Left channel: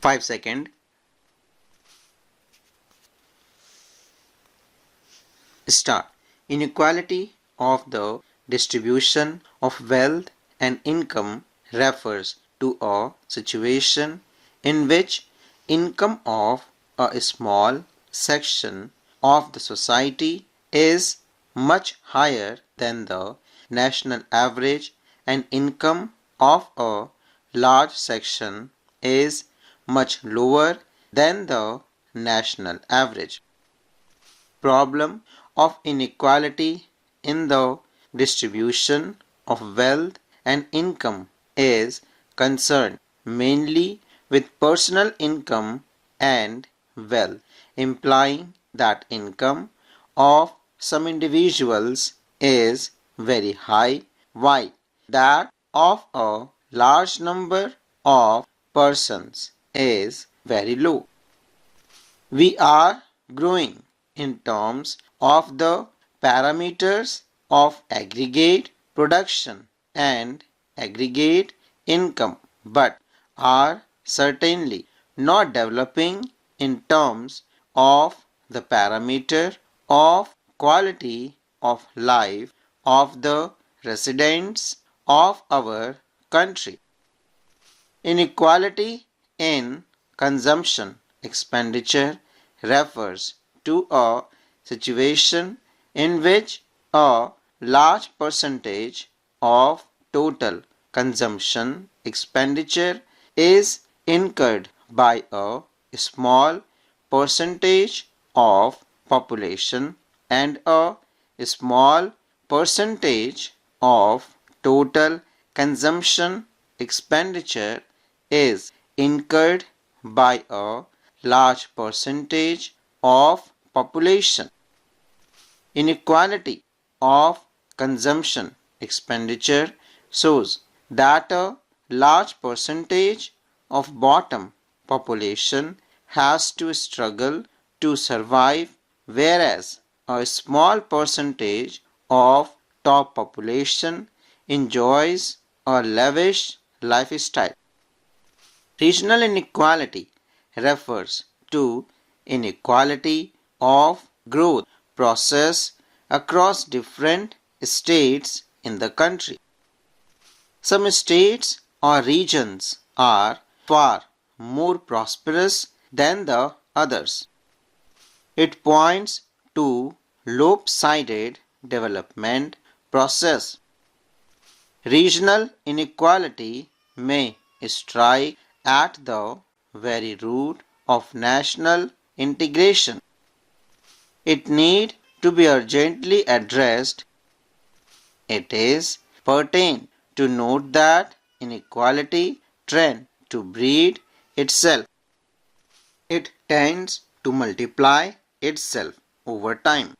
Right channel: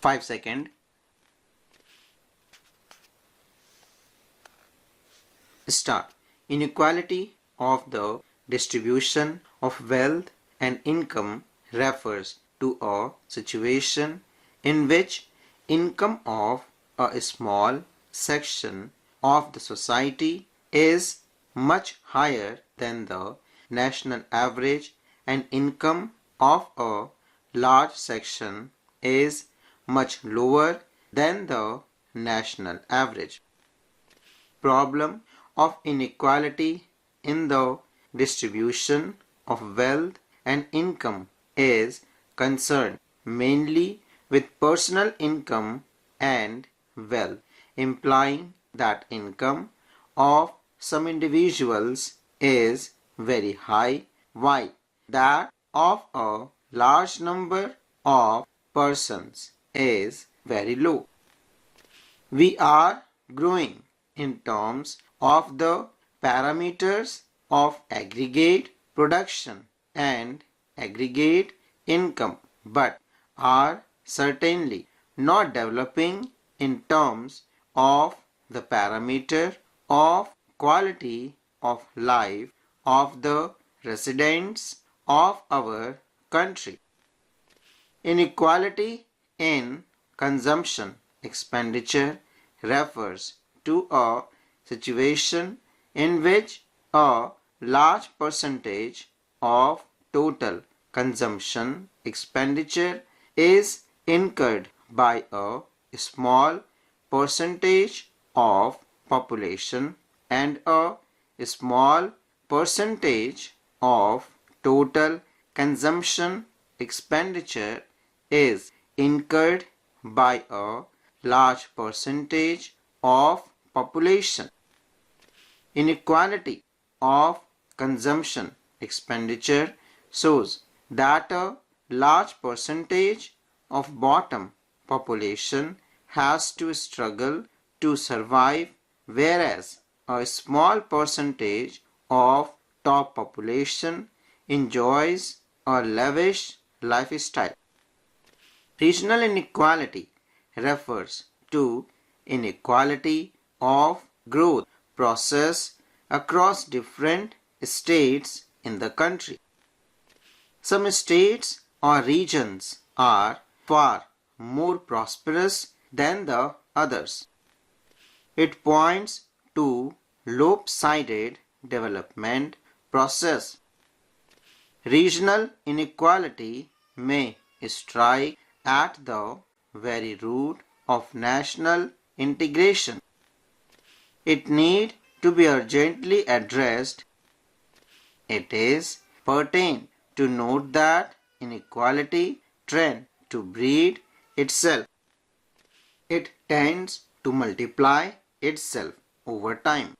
5 seconds. Start. Inequality of the distribution of wealth and income refers to a situation in which income of a small section of the society is much higher than the national average and income of a large section is much lower than the national average. Problem of inequality in the distribution of wealth and income is concerned mainly with personal income and wealth, implying that income of some individuals is very high while that of a large number of persons is very low. We are growing in terms of the parameters of aggregate production and aggregate income, but are certainly not developing in terms of the parameter of quality of life of the residents of our country. Inequality in consumption expenditure refers to a situation in which a large percentage of total consumption expenditure is incurred by a small percentage of population and a small percentage of total consumption expenditure is incurred by a large percentage of population. Inequality of consumption expenditure shows that a large percentage of bottom population has to struggle to survive, whereas a small percentage of top population enjoys a lavish lifestyle. Regional inequality refers to inequality of growth process across different states in the country. Some states or regions are far more prosperous than the others. It points to lopsided development process. Regional inequality may strike at the very root of national integration. It need to be urgently addressed. It is pertinent to note that inequality tends to breed itself. It tends to multiply itself over time.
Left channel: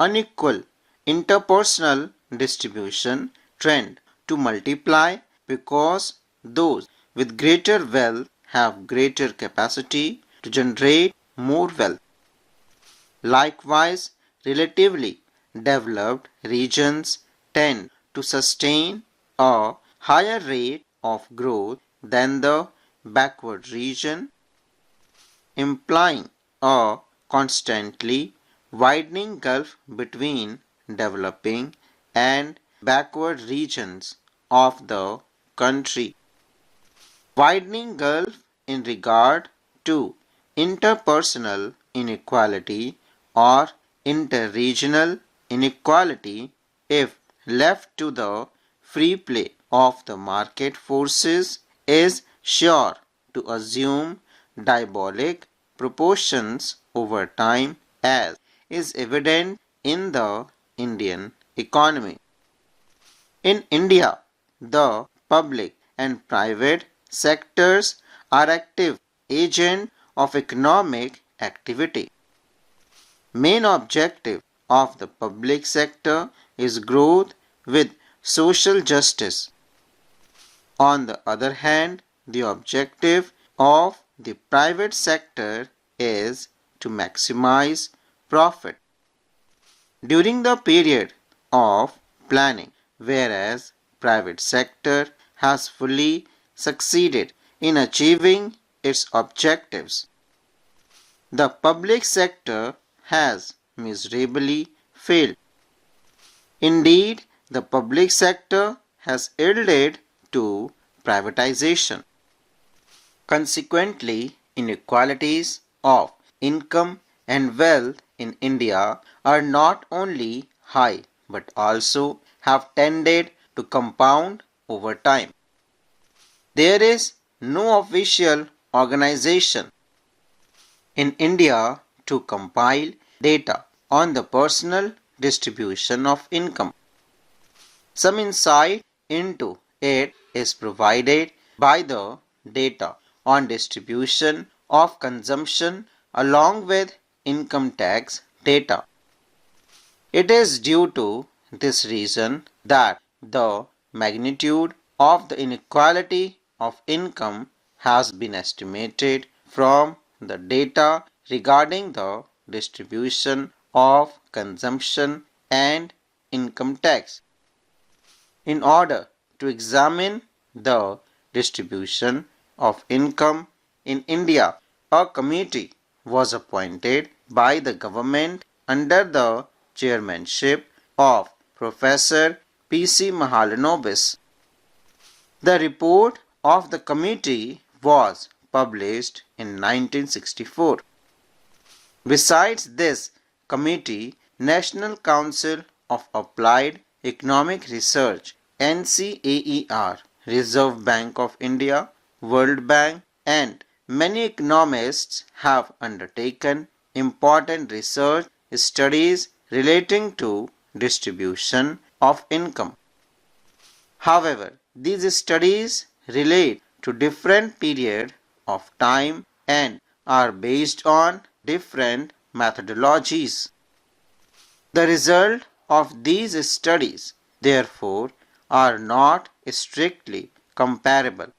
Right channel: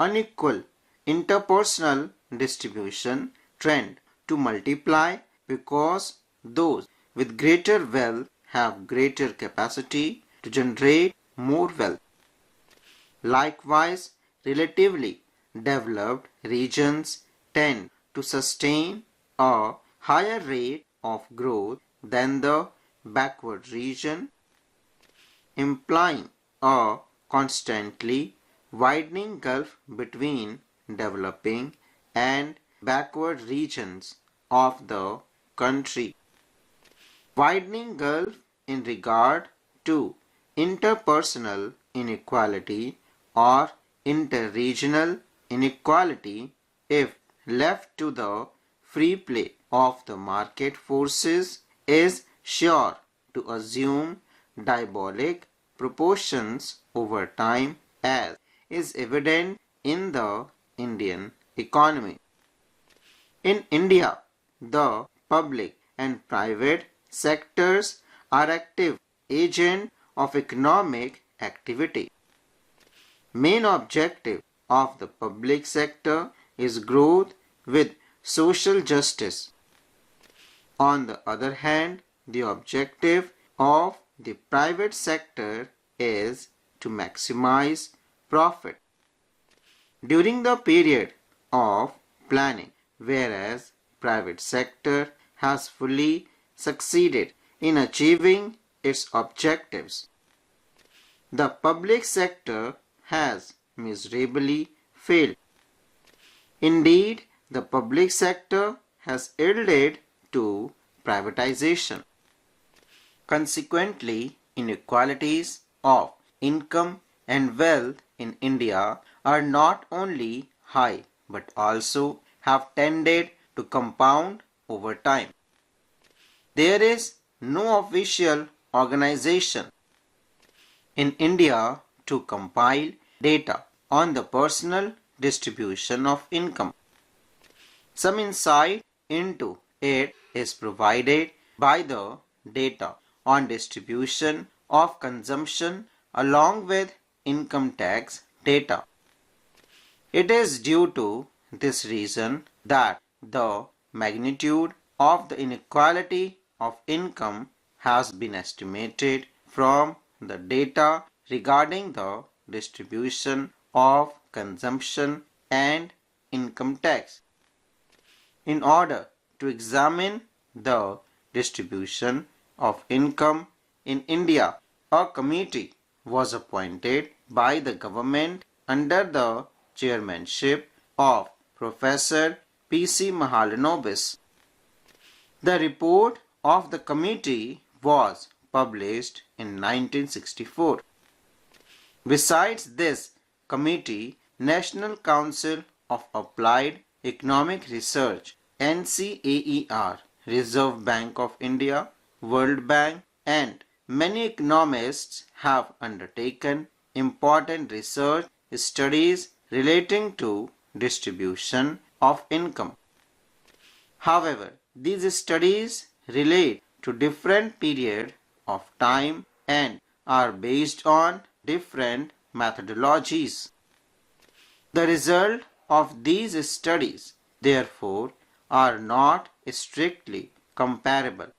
Unequal interpersonal distribution trend to multiply because those with greater wealth have greater capacity to generate more wealth. Likewise, relatively developed regions tend to sustain a higher rate of growth than the backward region, implying a constantly widening gulf between developing and backward regions of the country. Widening gulf in regard to interpersonal inequality or interregional inequality, if left to the free play of the market forces, is sure to assume diabolic proportions over time, as is evident in the Indian economy. In India, the public and private sectors are active agents of economic activity. Main objective of the public sector is growth with social justice. On the other hand, the objective of the private sector is to maximize profit. During the period of planning, whereas private sector has fully succeeded in achieving its objectives. The public sector has miserably failed. Indeed, the public sector has yielded to privatization. Consequently, inequalities of income and wealth in India are not only high but also have tended to compound over time. There is no official organization in India to compile data on the personal distribution of income. Some insight into it is provided by the data on distribution of consumption along with income tax data. It is due to this reason that the magnitude of the inequality of income has been estimated from the data regarding the distribution of consumption and income tax. In order to examine the distribution of income in India, a committee was appointed by the government under the chairmanship of Professor P.C. Mahalanobis. The report of the committee was published in 1964. Besides this committee, National Council of Applied Economic Research NCERT, Reserve Bank of India, World Bank, and many economists have undertaken important research studies relating to distribution of income. However, these studies relate to different periods of time and are based on different methodologies. The result of these studies, therefore, are not strictly comparable.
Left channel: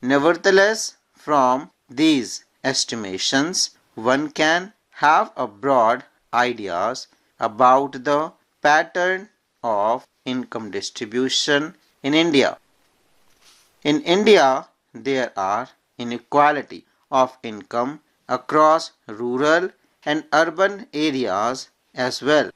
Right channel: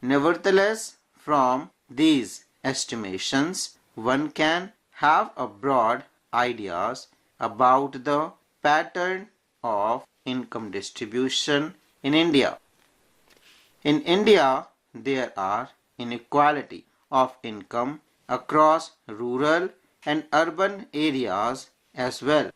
Nevertheless, from these estimations, one can have a broad ideas about the pattern of income distribution in India. In India, there are inequality of income across rural and urban areas as well.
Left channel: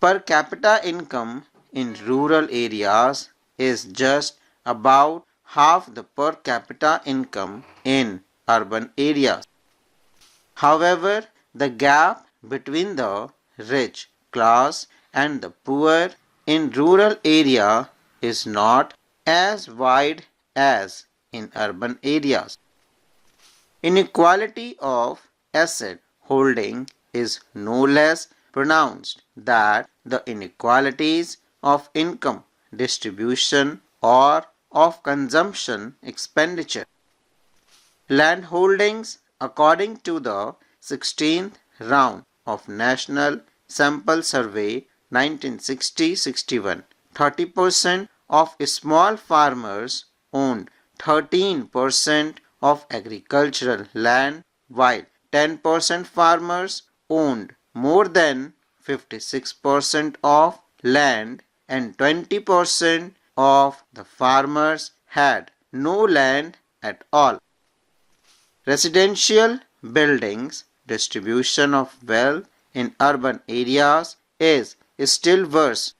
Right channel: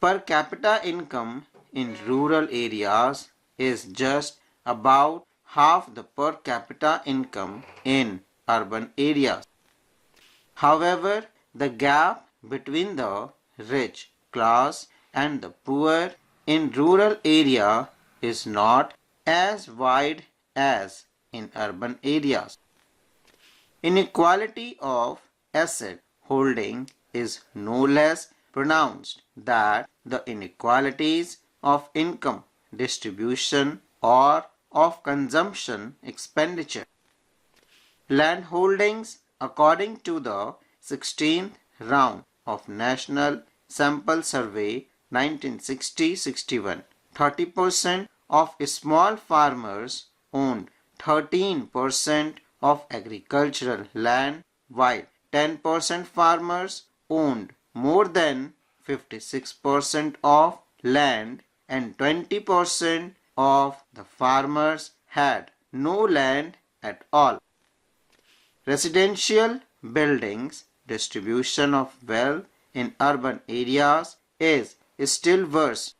Per capita income in rural areas is just about half the per capita income in urban areas. However, the gap between the rich class and the poor in rural area is not as wide as in urban areas. Inequality of asset holding is no less pronounced than the inequalities of income distribution or of consumption expenditure. Land holdings according to the 16th round of National Sample Survey 1960-61, 30% of small farmers owned 13% of agricultural land, while 10% farmers owned more than 56% of land and 20% of the farmers had no land at all. Residential buildings distribution of wealth in urban areas is still worse.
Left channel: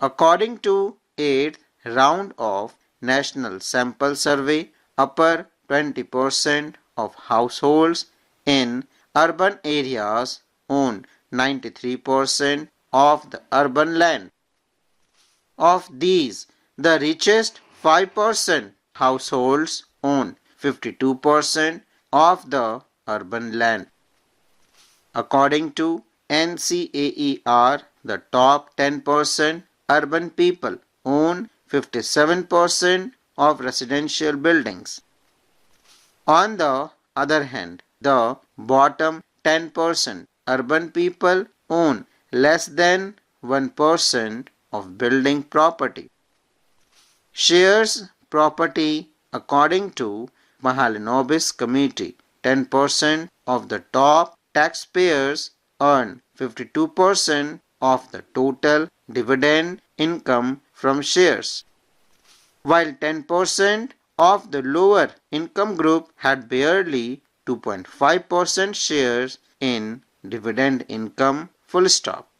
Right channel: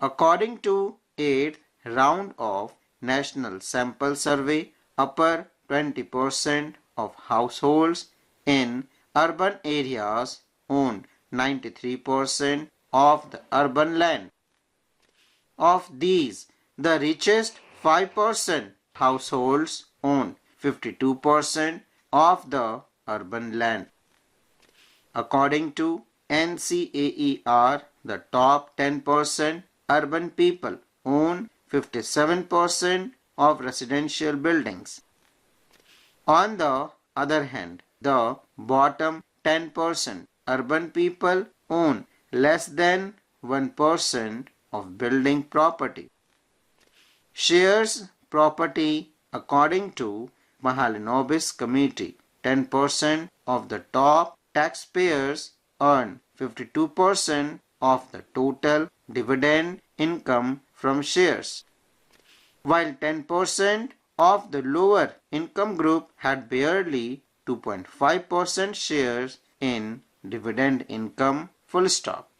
According to 8th round of National Sample Survey, upper 20% of households in urban areas own 93% of the urban land. Of these, the richest 5% households own 52% of the urban land. According to NCERT, the top 10% urban people own 57% of residential buildings. On the other hand, the bottom 10% urban people own less than 1% of building property. Shares property according to Mahalanobis Committee, 10% of the top taxpayers earn 52% of the total dividend income from shares, while 10% of the lower income group had barely 2.5% shares in dividend income, full stop.